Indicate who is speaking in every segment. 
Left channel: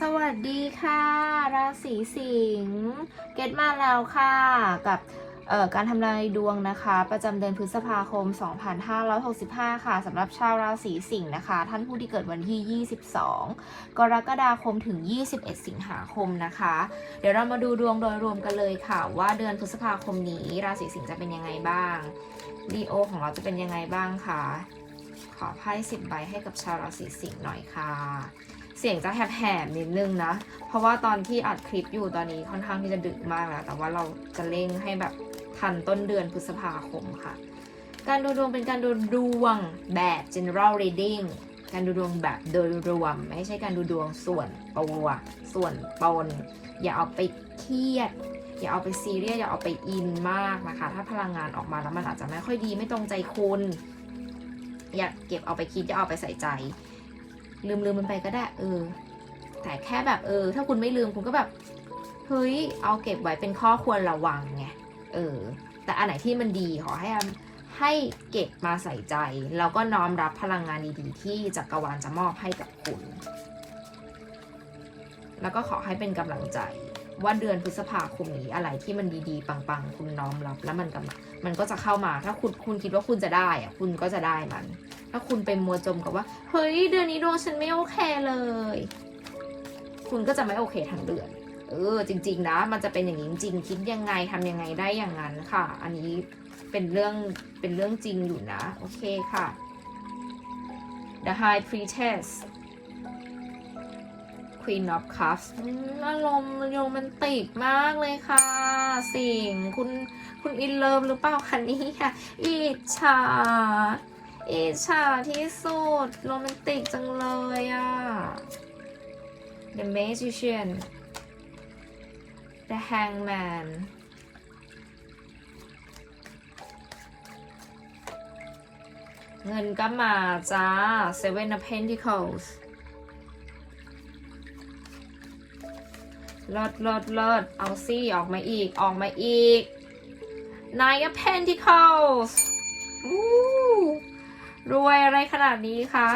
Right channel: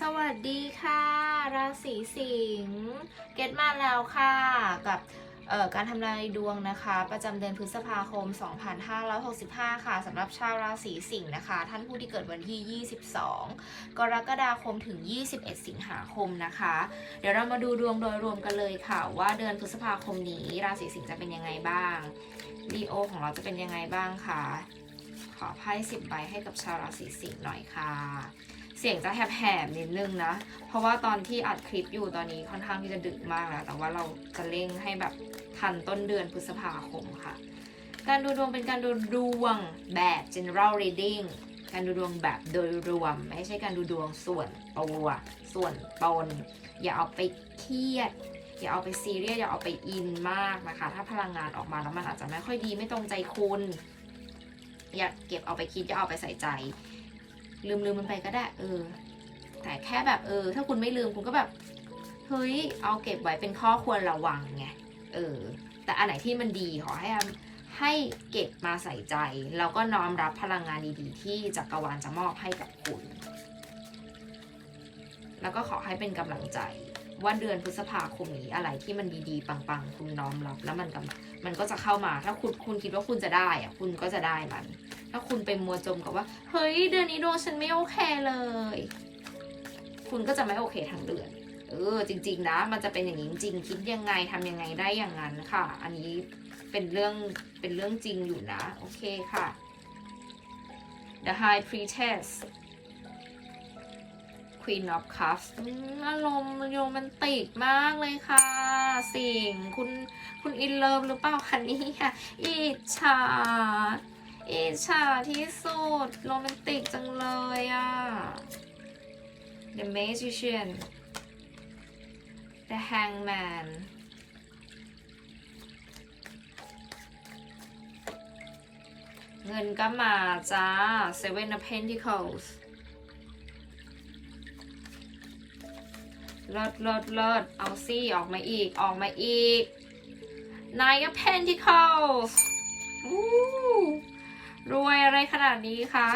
Speaker 1: สวัสดีค่ะ ราศีสิงห์เกตมาแล้วค่ะ กับการทำนายดวงนะคะ ประจำเดือนพฤษภาคม 2565 ค่ะสำหรับชาวราศีสิงห์นะคะ ท่านผู้ที่เกิดวันที่ 22 กรกฎาคมถึง 21 สิงหาคมนะคะ เดี๋ยวเรามาดูดวงโดยรวมกันเลยค่ะ ว่าเดือนพฤษภาคมนี้ ราศีสิงห์จะเป็นยังไงบ้างดีโอของเราจะเป็นยังไงบ้างคะขอไพ่สิบใบให้กับชาวราศีสิงห์หน่อยค่ะ สียงจะแหบๆนิดนึงนะ เพราะว่าตอนที่อัดคลิปอยู่ตอนนี้ค่อนข้างที่จะดึกมากแล้ว แต่ว่าเราจะเร่งให้แบบทันต้นเดือนพฤษภาคมค่ะ การดูดวงเป็นการดูดวงแบบ general reading การดูดวงแบบโดยรวม ไม่ใช่การดูดวงส่วนตัวส่วนตน อย่าเอาไปเครียด อย่าเอาไปซีเรียสอย่าเอาไปอินมากนะคะ ถ้าพลังงานออกมาแล้วมันอาจจะไม่ค่อยดีไม่ตรงใจคุณ อย่าเก็บเอาไปคิดอย่าเอาไปใส่ใจ ลืมลืมมันไปก็ได้ เออ แต่แค่แบบเออ ถ้าคุณไม่ลืมคุณก็แบบ เฮ้ย เอาเก็บไว้เป็นข้อควรระวังไง เออ แต่อันไหนที่มันดีขอให้ให้เก็บมาใส่ใจ แล้วก็น้อมรับพลังงานดีๆ ที่จักรวาลจะมอบให้กับคุณ แล้วก็ขอให้เป็นกำลังใจ ว่าเดือนพฤษภาคมนี้อะไรที่มันดีๆ ปังๆ คุณน้อมรับ แล้วมันกำลังมันก็จะเข้ามา ถ้าคุณคุณคิดว่าคุณจะได้อะคุณก็จะได้มัน ถ้าคุณไปมัวจมกับว่า เฮ้ย เดือนนี้ดวงฉันไม่โอเคเลย คุณก็จะไม่โอเคทั้งเดือน เออ จริง ๆ นะ มันจะเป็นอย่างนี้จริง คิดยังไงทำยังไงได้อย่างนั้นค่ะ อันนี้เป็นเรื่องเป็นเรื่องจริงอยู่นะ โอเคค่ะ The High Priestess Queen of Cups อารมณ์โรแมนติกมากเลยค่ะ สิ่งคุณคุณอินเลิฟหรือเปล่าคะนี่ค่ะอิจฉา อิจฉาที่สุด โรแมนติกจังเลยอะ The Magician The Hangman เงินก็มาจ้า Seven of Pentacles เลิศเลิศเลิศเอาซี่ออกมาอีก ออกมาอีก Nine of Pentacles อู้ รวยอะไรขนาดนี้คะ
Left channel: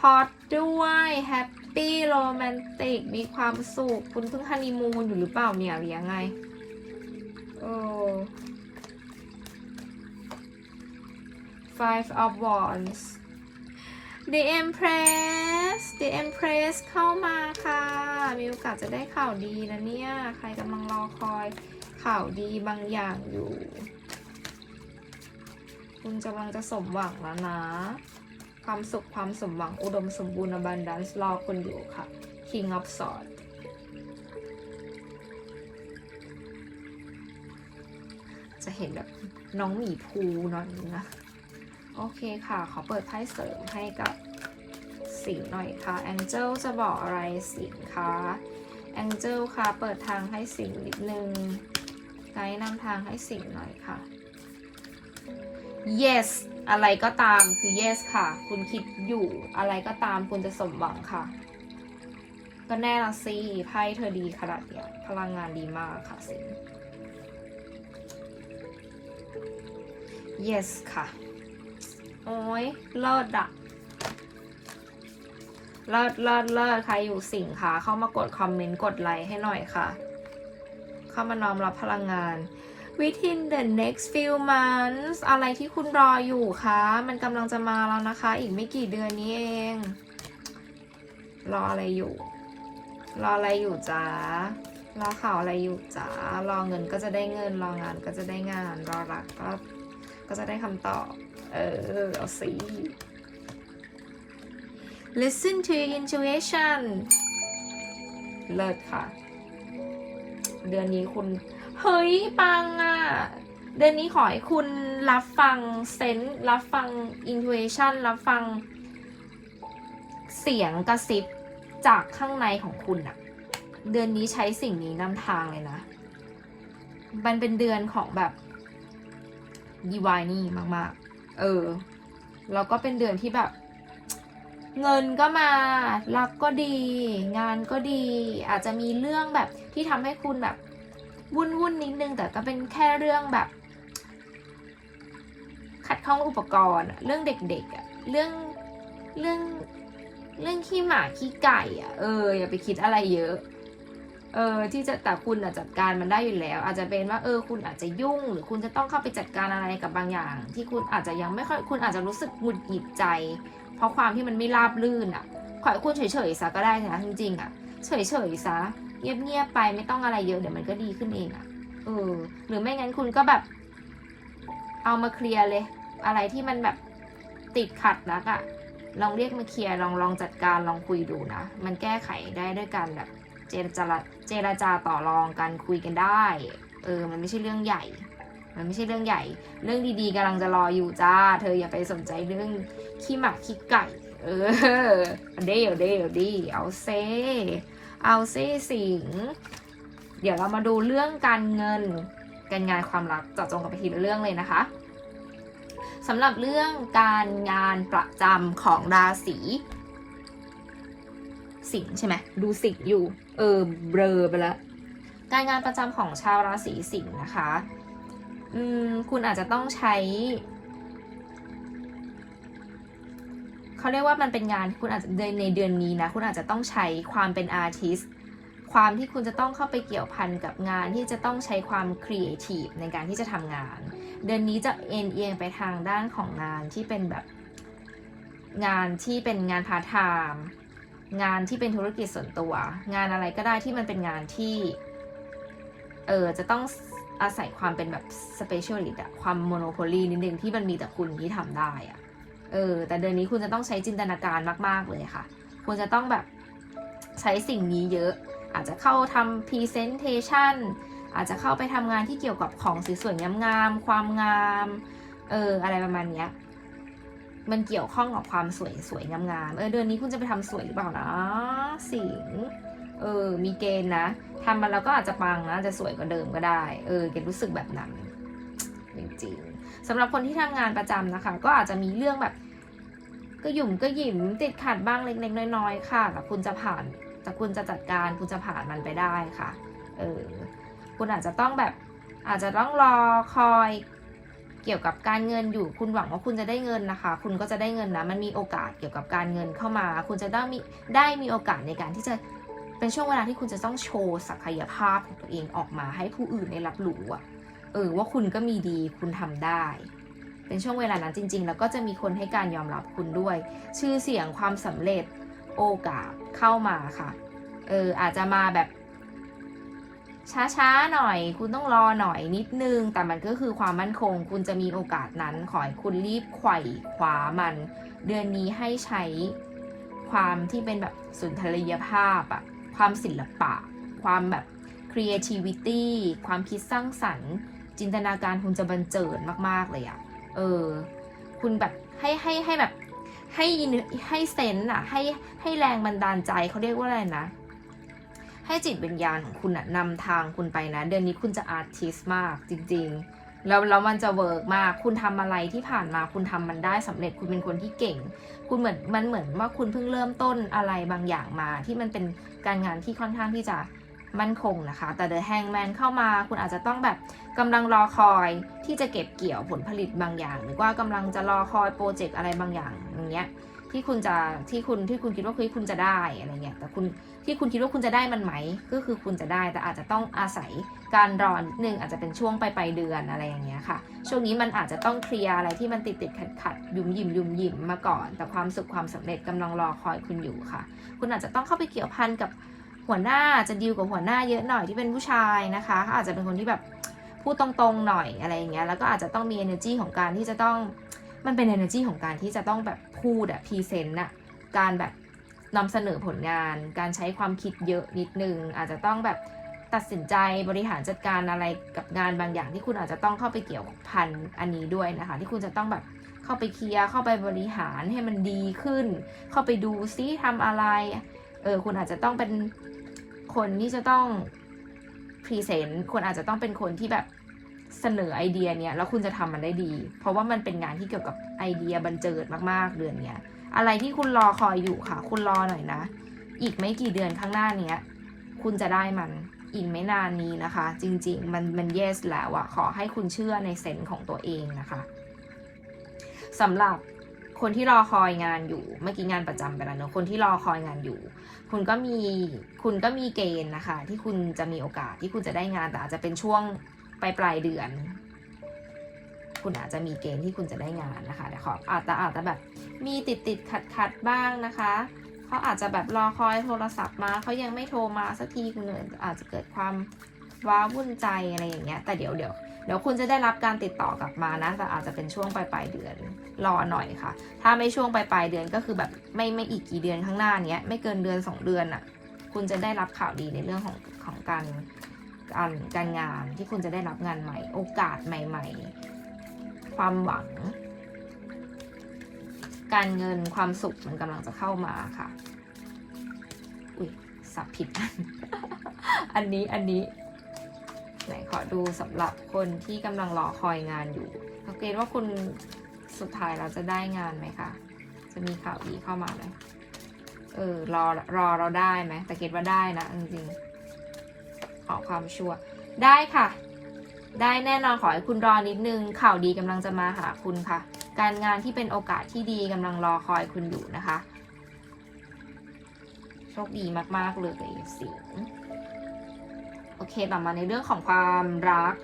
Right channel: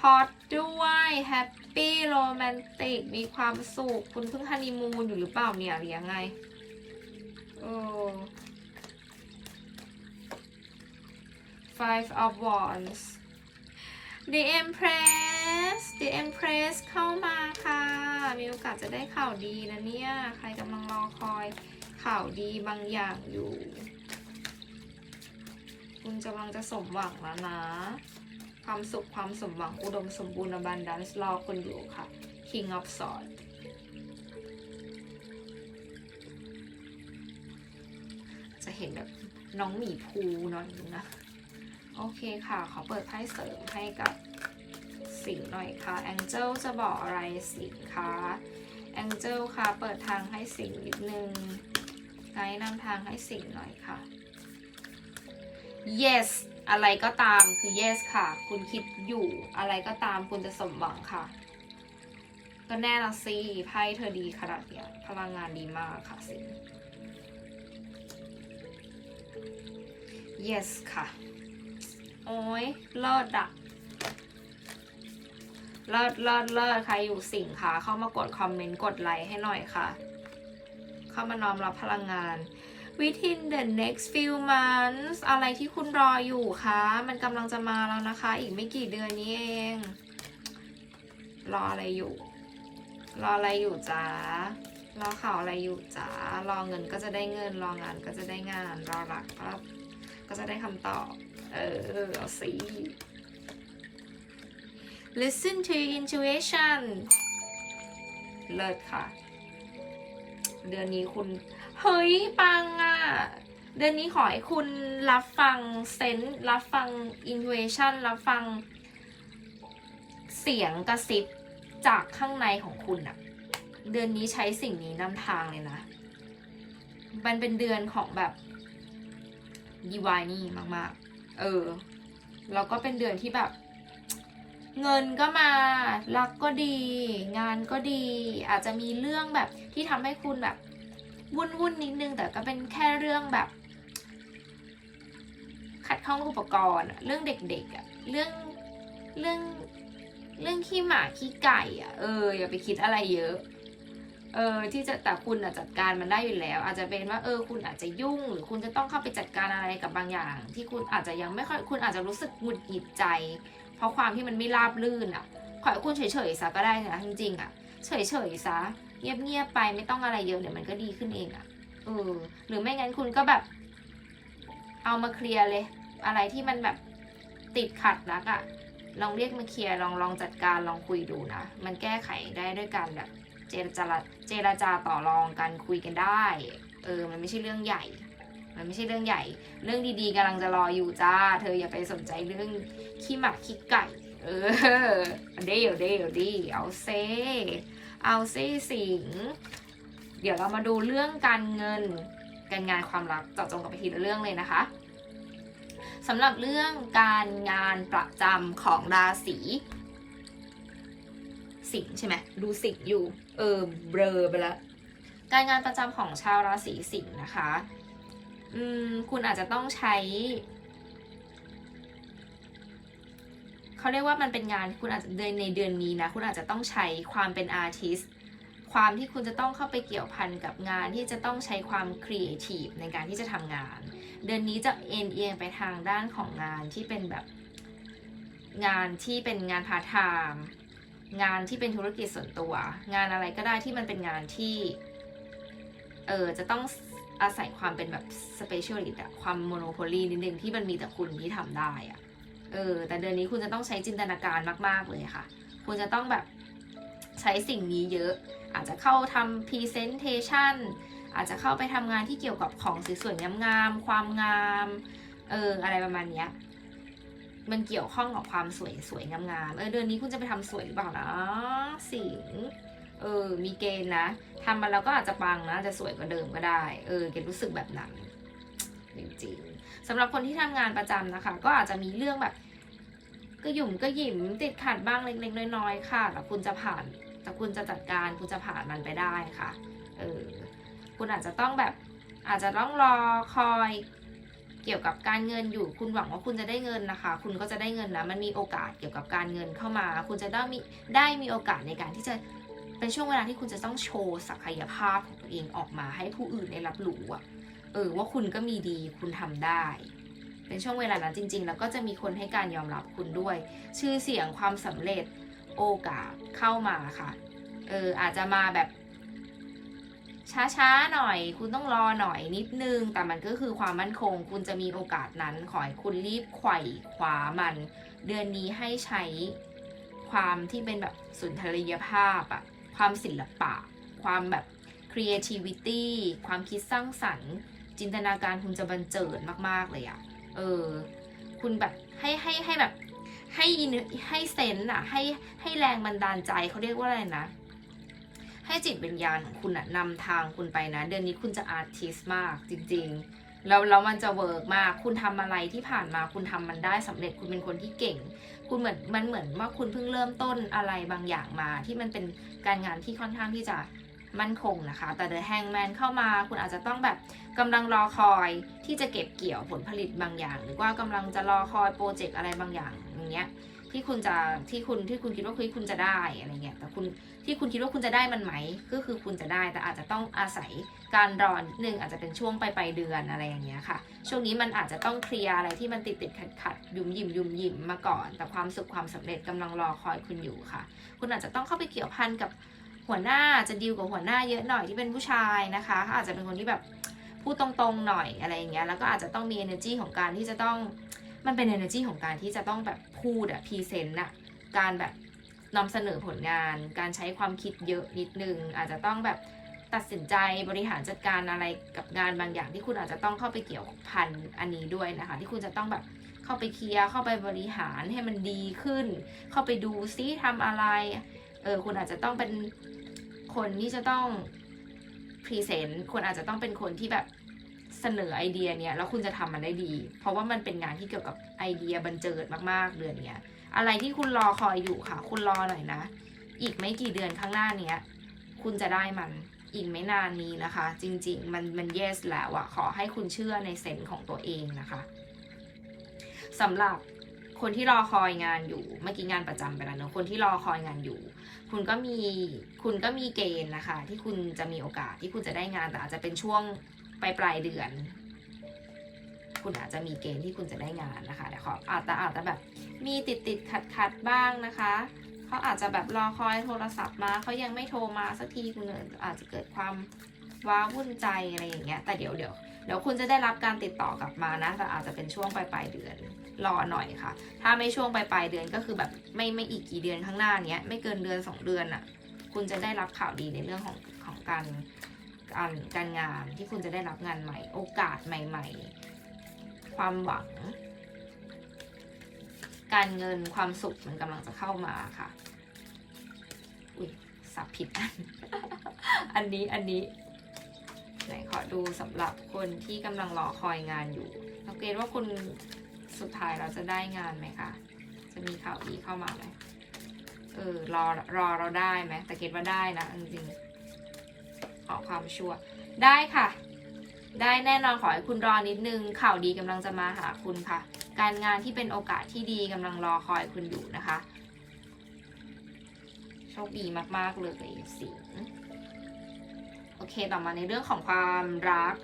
Speaker 1: ฮอตด้วยแฮปปี้โรแมนติกมีความสุข คุณเพิ่งฮันนีมูนอยู่หรือเปล่าเนี่ยหรือยังไงโอ้ Five of Wands The Empress The Empress เข้ามาค่ะ มีโอกาสจะได้ข่าวดีนะเนี่ย ใครกำลังรอคอยข่าวดีบางอย่างอยู่ คุณกำลังจะสมหวังแล้วนะ ความสุขความสมหวังอุดมสมบูรณ์ abundance รอคุณอยู่ค่ะ King of Swords จะเห็นแบบน้องหมีภูหน่อยนึงนะ โอเคค่ะ ขอเปิดไพ่เสริมให้กับสิงหน่อยค่ะ Angel จะบอกอะไรสิงคะ Angel ค่ะ เปิดทางให้สิงนิดนึง ไกด์นำทางให้สิงหน่อยค่ะ yes อะไรก็ตามคือ yes ค่ะ คุณคิดอยู่อะไรก็ตามคุณจะสมหวังค่ะ ก็แน่ละสิไพ่เธอดีขนาดเนี้ยพลังงานดีมากค่ะสิง yes ค่ะ โอ้ยเลิศอะเลิศเลิศเลิศใครอยู่สิงค่ะ เข้ามากดคอมเมนต์กดไลค์ให้หน่อยค่ะ เข้ามาน้อมรับพลังงาน within the next few months อะไรที่คุณรออยู่คะ มันกำลังจะมาแล้วนะคะ อีกไม่กี่เดือนนี้เอง รออะไรอยู่ รออะไรอยู่จ้ารอข่าวอะไรอยู่จ้ารอเงินก็จะได้เงิน รองานก็จะได้งาน รอรักก็ก็จะได้คำตอบ เออ เอาสิ listen to your intuition เลิศค่ะ เดือนนี้คุณ เฮ้ย ปังอะ่ะ เดือนนี้ขอให้คุณรับฟังเซนส์รับฟัง intuition รับฟัง เสียงกระซิบจากข้างในของคุณอะเดือนนี้ใช้สิ่งนี้นำทางเลยนะ มันเป็นเดือนของแบบดีวายนี่มาก ๆ เออ แล้วก็เป็นเดือนที่แบบ เงินก็มา รักก็ดี งานก็ดี อาจจะมีเรื่องแบบที่ทำให้คุณแบบ วุ่นวุ่นนิดนึง แต่ก็เป็นแค่เรื่องแบบ ขัดข้องอุปกรณ์ เรื่องเด็กๆอะเรื่องเรื่องเรื่องขี้หมาขี้ไก่อะเอออย่าไปคิดอะไรเยอะเออที่จะแต่คุณอะจัดการมันได้อยู่แล้ว อาจจะเป็นว่าเออคุณอาจจะยุ่ง หรือคุณจะต้องเข้าไปจัดการอะไรกับบางอย่าง ที่คุณอาจจะยังไม่ค่อยคุณอาจจะรู้สึกหงุดหงิดใจ เพราะความที่มันไม่ราบรื่นอะขอให้คุณเฉยๆซะก็ได้นะจริงๆอะ เฉยๆซะ เงียบๆไปไม่ต้องอะไรเยอะเดี๋ยวมันก็ดีขึ้นเองอะเออ หรือไม่งั้นคุณก็แบบ เอามาเคลียร์เลย อะไรที่มันแบบติดขัดนักอะลองเรียกมาเคลียร์ลองลองจัดการลองคุยดูนะ มันแก้ไขได้ด้วยการแบบ เจรจาเจรจาต่อรองกันคุยกันได้ เออ มันไม่ใช่เรื่องใหญ่ มันไม่ใช่เรื่องใหญ่ เรื่องดีๆกำลังจะรออยู่จ้า เธออย่าไปสนใจเรื่องขี้หมาขี้ไก่ เออเดี๋ยวเดี๋ยวดิเอาเซ เอาเซสิง เดี๋ยวเรามาดูเรื่องการเงิน การงานความรักเจาะจงกับไปทีละเรื่องเลยนะคะสำหรับเรื่องการงานประจำของราศีสิงใช่ไหมดูสิงอยู่ เออเบลอไปแล้วการงานประจำของชาวราศีสิงห์นะคะ อืม คุณอาจจะต้องใช้ เขาเรียกว่ามันเป็นงานคุณอาจจะในเดือนนี้นะ คุณอาจจะต้องใช้ความเป็นอาร์ติสความที่คุณจะต้องเข้าไปเกี่ยวพันกับงานที่จะต้องใช้ความครีเอทีฟในการที่จะทำงาน เดือนนี้จะเอ็นเอียงไปทางด้านของงานที่เป็นแบบงานที่เป็นงานพาร์ทไทม์งานที่เป็นธุรกิจส่วนตัว งานอะไรก็ได้ที่มันเป็นงานที่เออจะต้องอาศัยความเป็นแบบ specialist อะความโมโนโพลีนิดนึงที่มันมีแต่คุณที่ทำได้อะ เออ แต่เดือนนี้คุณจะต้องใช้จินตนาการมาก ๆ เลยค่ะ คุณจะต้องแบบใช้สิ่งนี้เยอะ อาจจะเข้าทำ presentation อาจจะเข้าไปทำงานที่เกี่ยวกับของสวยๆงามๆความงาม เออ อะไรประมาณเนี้ยมันเกี่ยวข้องกับความสวยสวยงามๆ เออเดือนนี้คุณจะไปทำสวยหรือเปล่านะ สิง เออ มีเกณฑ์นะทำมันแล้วก็อาจจะปังนะ จะสวยกว่าเดิมก็ได้ เออเกดรู้สึกแบบนั้น จริงๆสำหรับคนที่ทำงานประจำนะคะ ก็อาจจะมีเรื่องแบบ ก็หยุ่มก็หยิมติดขัดบ้างเล็กๆน้อยๆค่ะแต่คุณจะผ่าน แต่คุณจะจัดการคุณจะผ่านมันไปได้ค่ะเออคุณอาจจะต้องแบบอาจจะต้องรอคอยเกี่ยวกับการเงินอยู่ คุณหวังว่าคุณจะได้เงินนะคะ คุณก็จะได้เงินนะ มันมีโอกาสเกี่ยวกับการเงินเข้ามา คุณจะได้มีได้มีโอกาสในการที่จะเป็นช่วงเวลาที่คุณจะต้องโชว์ศักยภาพของตัวเองออกมาให้ผู้อื่นได้รับรู้อะเออว่าคุณก็มีดีคุณทำได้ เป็นช่วงเวลานั้นจริง ๆ แล้วก็จะมีคนให้การยอมรับคุณด้วย ชื่อเสียงความสำเร็จโอกาสเข้ามาค่ะ เอออาจจะมาแบบ ช้าๆหน่อย คุณต้องรอหน่อยนิดนึง แต่มันก็คือความมั่นคง คุณจะมีโอกาสนั้น ขอให้คุณรีบไขว่คว้ามัน เดือนนี้ให้ใช้ความที่เป็นแบบสุนทรียภาพอะความศิลปะ ความแบบ creativity ความคิดสร้างสรรค์ จินตนาการคุณจะบันเจิดมาก ๆ เลยอะ เออ คุณแบบให้ให้ให้แบบ ให้ินให้เซนอะให้ให้แรงบันดาลใจเขาเรียกว่าอะไรนะ ให้จิตวิญญาณของคุณอะนำทางคุณไปนะ เดือนนี้คุณจะอาร์ติสมากจริง ๆแล้วแล้วมันจะเวิร์กมาก คุณทำอะไรที่ผ่านมาคุณทำมันได้สำเร็จ คุณเป็นคนที่เก่ง คุณเหมือนมันเหมือนว่าคุณเพิ่งเริ่มต้นอะไรบางอย่างมา ที่มันเป็นการงานที่ค่อนข้างที่จะ มั่นคงนะคะ แต่เดอะแฮงแมนเข้ามาคุณอาจจะต้องแบบกำลังรอคอยที่จะเก็บเกี่ยวผลผลิตบางอย่าง หรือว่ากำลังจะรอคอยโปรเจกต์อะไรบางอย่างอย่างเงี้ยที่คุณจะที่คุณที่คุณคิดว่าเฮ้ยคุณจะได้อะไรเงี้ยแต่คุณที่คุณคิดว่าคุณจะได้มันไหม ก็คือคุณจะได้แต่อาจจะต้องอาศัยการรอนิดนึงอาจจะเป็นช่วงไปไปลายเดือนอะไรอย่างเงี้ยค่ะ ช่วงนี้มันอาจจะต้องเคลียร์อะไรที่มันติดติดขัดขัดยุ่มยิมยุ่มยิมมาก่อน แต่ความสุขความสำเร็จกำลังรอคอยคุณอยู่ค่ะ คุณอาจจะต้องเข้าไปเกี่ยวพันกับ หัวหน้าจะดีลกับหัวหน้าเยอะหน่อยที่เป็นผู้ชายนะคะเขาอาจจะเป็นคนที่แบบพูดตรงๆหน่อยอะไรอย่างเงี้ยแล้วก็อาจจะต้องมี energy ของการที่จะต้องมันเป็น energy ของการที่จะต้องแบบพูดอะพรีเซนต์อะการแบบนำเสนอผลงาน การใช้ความคิดเยอะนิดนึง อาจจะต้องแบบตัดสินใจบริหารจัดการอะไรกับงานบางอย่างที่คุณอาจจะต้องเข้าไปเกี่ยวพันอันนี้ด้วยนะคะ ที่คุณจะต้องแบบเข้าไปเคลียร์เข้าไปบริหารให้มันดีขึ้น เข้าไปดูซิทำอะไร เออคุณอาจจะต้องเป็นคนที่จะต้องพรีเซนต์คุณอาจจะต้องเป็นคนที่แบบเสนอไอเดียเนี้ยแล้วคุณจะทำมันได้ดี เพราะว่ามันเป็นงานที่เกี่ยวกับไอเดียบันเจิดมากๆเดือนเนี้ย อะไรที่คุณรอคอยอยู่ค่ะ คุณรอหน่อยนะ อีกไม่กี่เดือนข้างหน้าเนี้ย คุณจะได้มันอีกไม่นานนี้นะคะ จริง ๆ มันมัน yes แล้วอะขอให้คุณเชื่อในเซนส์ของตัวเองนะคะสำหรับ คนที่รอคอยงานอยู่ เมื่อกี้งานประจำไปแล้วเนอะคนที่รอคอยงานอยู่ คุณก็มีคุณก็มีเกณฑ์นะคะ ที่คุณจะมีโอกาสที่คุณจะได้งานแต่อาจจะเป็นช่วงปลายปลายเดือน คุณอาจจะมีเกณฑ์ที่คุณจะได้งานนะคะแต่ขออาจจะอาจจะแบบมีติดติดขัดขัดบ้างนะคะเขาอาจจะแบบรอคอยโทรศัพท์มาเขายังไม่โทรมาสักทีคุณอาจจะเกิดความว้าวุ่นใจอะไรอย่างเงี้ยแต่เดี๋ยวเดี๋ยว เดี๋ยวคุณจะได้รับการติดต่อกลับมานะแต่อาจจะเป็นช่วงปลายปลายเดือน รอหน่อยค่ะ ถ้าไม่ช่วงปลายปลายเดือนก็คือแบบไม่ไม่อีกกี่เดือนข้างหน้าเนี้ยไม่เกินเดือนสองเดือนอะคุณจะได้รับข่าวดีในเรื่องของของการการการงานที่คุณจะได้รับงานใหม่ โอกาสใหม่ ๆ ความหวัง การเงินความสุขมันกำลังจะเข้ามาค่ะ อุ้ยสับผิดอัน อันนี้อันนี้ ไหนขอดูสำหรับคนที่กำลังรอคอยงานอยู่สังเกตว่าคุณสุดท้ายเราจะได้งานไหมคะ จะมีข่าวดีเข้ามาไหมเออรอรอเราได้ไหมแต่เกตว่าได้นะจริงๆขอความชัวร์ได้ค่ะ ได้แน่นอนขอให้คุณรอนิดนึง ข่าวดีกำลังจะมาหาคุณค่ะ การงานที่เป็นโอกาสที่ดีกำลังรอคอยคุณอยู่นะคะโชคดีมากๆเลยสิ โอเคต่อมาในเรื่องของความรัก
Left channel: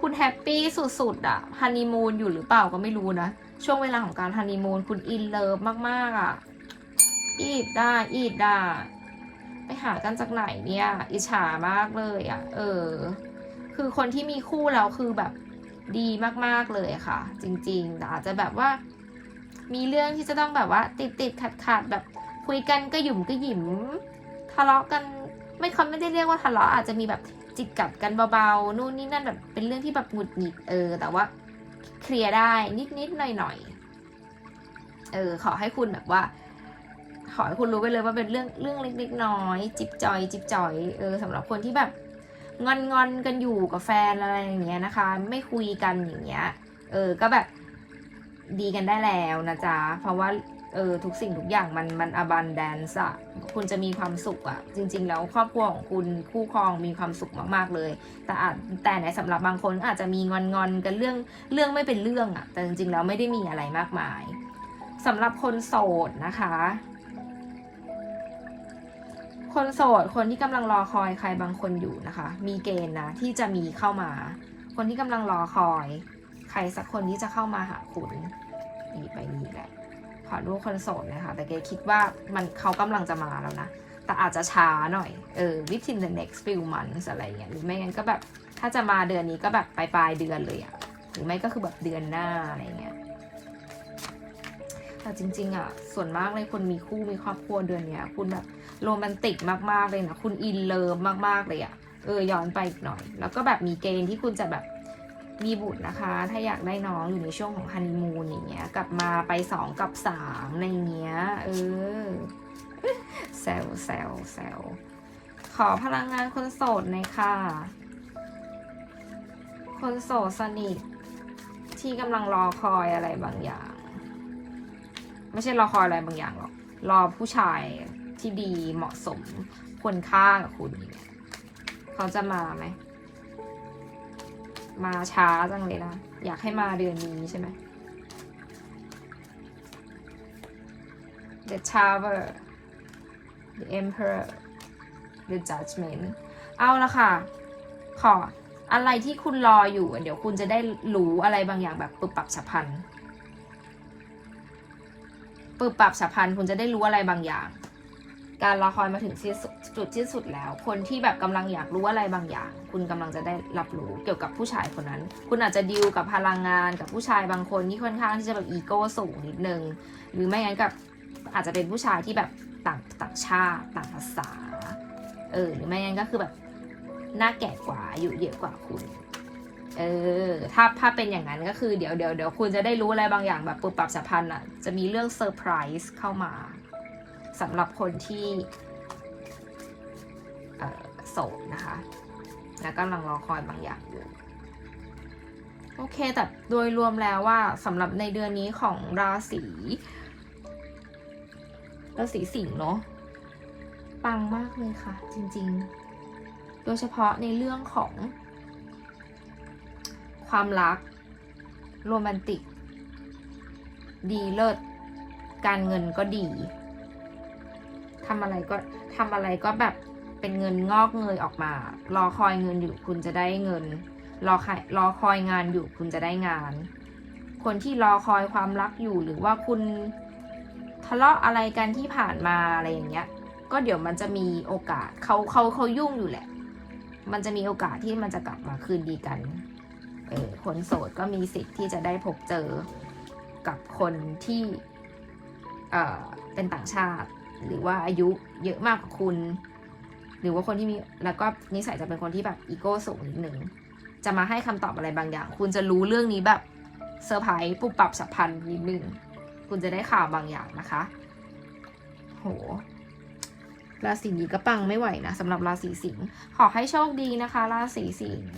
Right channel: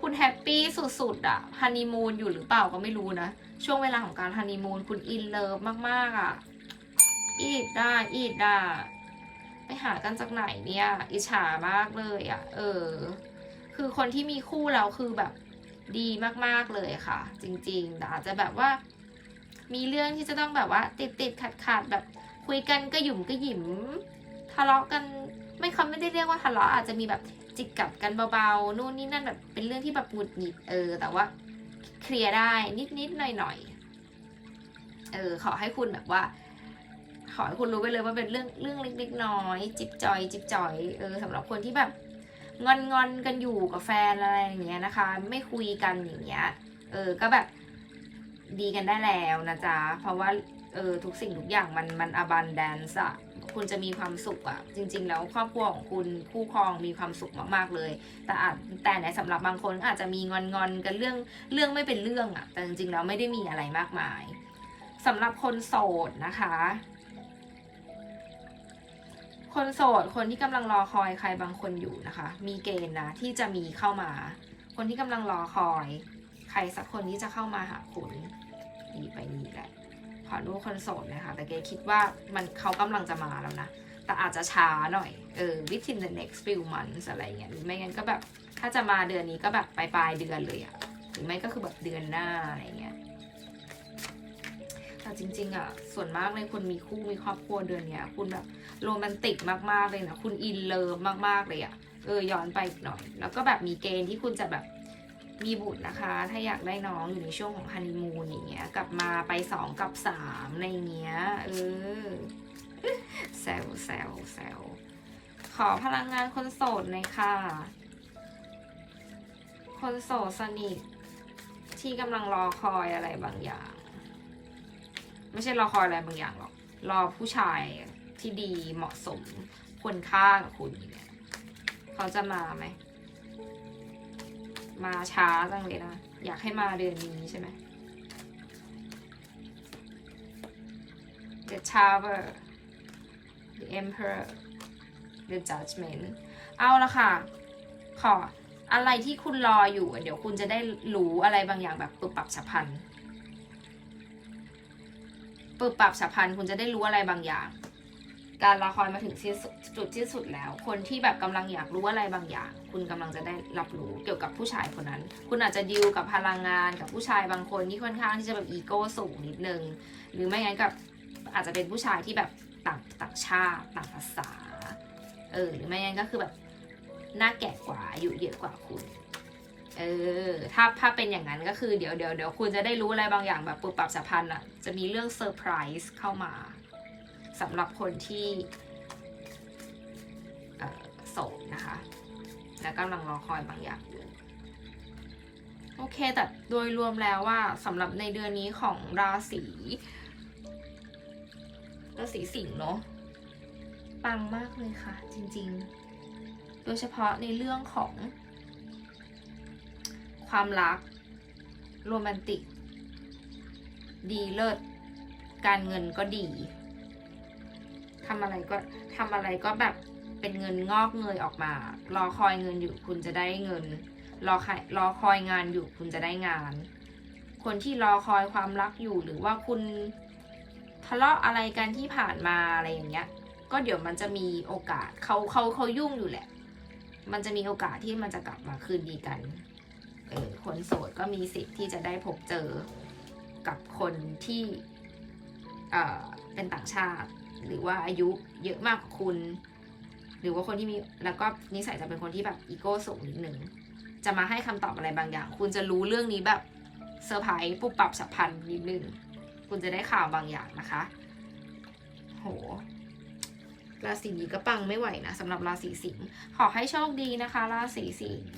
Speaker 1: คุณแฮปปี้สุดๆอะฮันนีมูนอยู่หรือเปล่าก็ไม่รู้นะ ช่วงเวลาของการฮันนีมูนคุณอินเลิฟมากๆอะอีดได้อีดได้ไปหากันจากไหนเนี่ย อิจฉามากเลยอะ่ะ เออ คือคนที่มีคู่แล้วคือแบบดีมากๆเลยค่ะ จริงๆแต่อาจจะแบบว่า มีเรื่องที่จะต้องแบบว่า ติดติดขัดขัดๆแบบคุยกันก็หยุ่มก็หยิมทะเลาะกันไม่เขาไม่ได้เรียกว่าทะเลาะอาจจะมีแบบ จิกกัดกันเบาๆนู่นนี่นั่นแบบเป็นเรื่องที่แบบหงุดหงิดเออ แต่ว่าเคลียร์ได้นิดๆหน่อยๆเออ ขอให้คุณแบบว่า ขอให้คุณรู้ไปเลยว่าเป็นเรื่องเรื่องเล็กๆน้อยจิบจอย จิบจอยเออสำหรับคนที่แบบงอนงอนกันอยู่กับแฟนอะไรอย่างเงี้ยนะคะ ไม่คุยกันอย่างเงี้ย เออ ก็แบบดีกันได้แล้วนะจ๊ะ เพราะว่า ออทุกสิ่งทุกอย่างมันมันอบันแดนซ์อะคุณจะมีความสุขอะจริง ๆ แล้วครอบครัวของคุณคู่ครองมีความสุขมากๆเลย แต่อาจแต่ในสำหรับบางคนอาจจะมีงอนงอนๆกันเรื่องเรื่องไม่เป็นเรื่องอะแต่จริง ๆ แล้วไม่ได้มีอะไรมากมายสำหรับคนโสดนะคะ คนโสดคนที่กำลังรอคอยใครบางคนอยู่นะคะ มีเกณฑ์นะที่จะมีเข้ามา คนที่กำลังรอคอย ใครสักคนที่จะเข้ามาหาคุณนี่ไปนี่แหละ ขอดูคนโสดนะคะแต่เกคิดว่ามันเขากำลังจะมาแล้วนะ แต่อาจจะช้าหน่อย เออ within the next few months อะไรเงี้ยหรือไม่งั้นก็แบบ ถ้าจะมาเดือนนี้ก็แบบปลายปลายเดือนเลยอะหรือไม่ก็คือแบบเดือนหน้าอะไรเงี้ยแต่จริงๆอะส่วนมากเลยคนมีคู่มีครอบครัวเดือนเนี้ย คุณแบบโรแมนติกมากๆเลยนะ คุณอินเลิฟมากๆเลยอะเออย้อนไปอีกหน่อย แล้วก็แบบมีเกณฑ์ที่คุณจะแบบ มีบุตรนะคะ ถ้าอยากได้น้องอยู่ในช่วงของฮันนีมูนอย่างเงี้ย กลับมาไปสองกับสามในเงี้ย เออแซวแซวแซวขอพลังงานคนโสดหน่อยค่ะ คนโสดสนิทที่กำลังรอคอยอะไรบางอย่าง ไม่ใช่รอคอยอะไรบางอย่างหรอก รอผู้ชายที่ดีเหมาะสมควรค่ากับคุณอย่างเงี้ยเขาจะมาไหม มาช้าจังเลยนะ อยากให้มาเดือนนี้ใช่ไหม The Tower The Emperor The Judgment เอาละค่ะ ขออะไรที่คุณรออยู่ เดี๋ยวคุณจะได้รู้อะไรบางอย่างแบบปรับปรับฉับพลันปรับปรับฉับพลันคุณจะได้รู้อะไรบางอย่าง การรอคอยมาถึงจุดที่สุดแล้ว คนที่แบบกำลังอยากรู้อะไรบางอย่าง คุณกำลังจะได้รับรู้เกี่ยวกับผู้ชายคนนั้น คุณอาจจะดีลกับพลังงานกับผู้ชายบางคนที่ค่อนข้างที่จะแบบอีโก้สูงนิดนึง หรือไม่งั้นกับอาจจะเป็นผู้ชายที่แบบต่างต่างชาติต่างภาษา เออหรือไม่งั้นก็คือแบบหน้าแก่กว่าอายุเยอะกว่าคุณ เออ ถ้าถ้าเป็นอย่างนั้นก็คือเดี๋ยวเดี๋ยวเดี๋ยวคุณจะได้รู้อะไรบางอย่างแบบปุบปับสัมพันธ์อะ จะมีเรื่องเซอร์ไพรส์เข้ามา สำหรับคนที่โสดนะคะ และกำลังรอคอยบางอย่างอยู่โอเค แต่โดยรวมแล้วว่าสำหรับในเดือนนี้ของราศีราศีสิงห์เนาะปังมากเลยค่ะ จริงๆ โดยเฉพาะในเรื่องของ ความรัก โรแมนติก ดีเลิศ การเงินก็ดี ทำอะไรก็ทำอะไรก็แบบเป็นเงินงอกเงยออกมา รอคอยเงินอยู่คุณจะได้เงิน รอคอยรอคอยงานอยู่คุณจะได้งาน คนที่รอคอยความรักอยู่หรือว่าคุณทะเลาะอะไรกันที่ผ่านมาอะไรอย่างเงี้ย ก็เดี๋ยวมันจะมีโอกาสเขาเขาเขายุ่งอยู่แหละ มันจะมีโอกาสที่มันจะกลับมาคืนดีกัน เออคนโสดก็มีสิทธิ์ที่จะได้พบเจอกับคนที่ เออเป็นต่างชาติ หรือว่าอายุเยอะมากกว่าคุณ หรือว่าคนที่มีแล้วก็นิสัยจะเป็นคนที่แบบอีโก้สูงนิดหนึ่งจะมาให้คำตอบอะไรบางอย่าง คุณจะรู้เรื่องนี้แบบเซอร์ไพรส์ปุบปับฉับพันนิดนึงคุณจะได้ข่าวบางอย่างนะคะ โหราศีนี้ก็ปังไม่ไหวนะสำหรับราศีสิงห์ขอให้โชคดีนะคะ ราศีสิงห์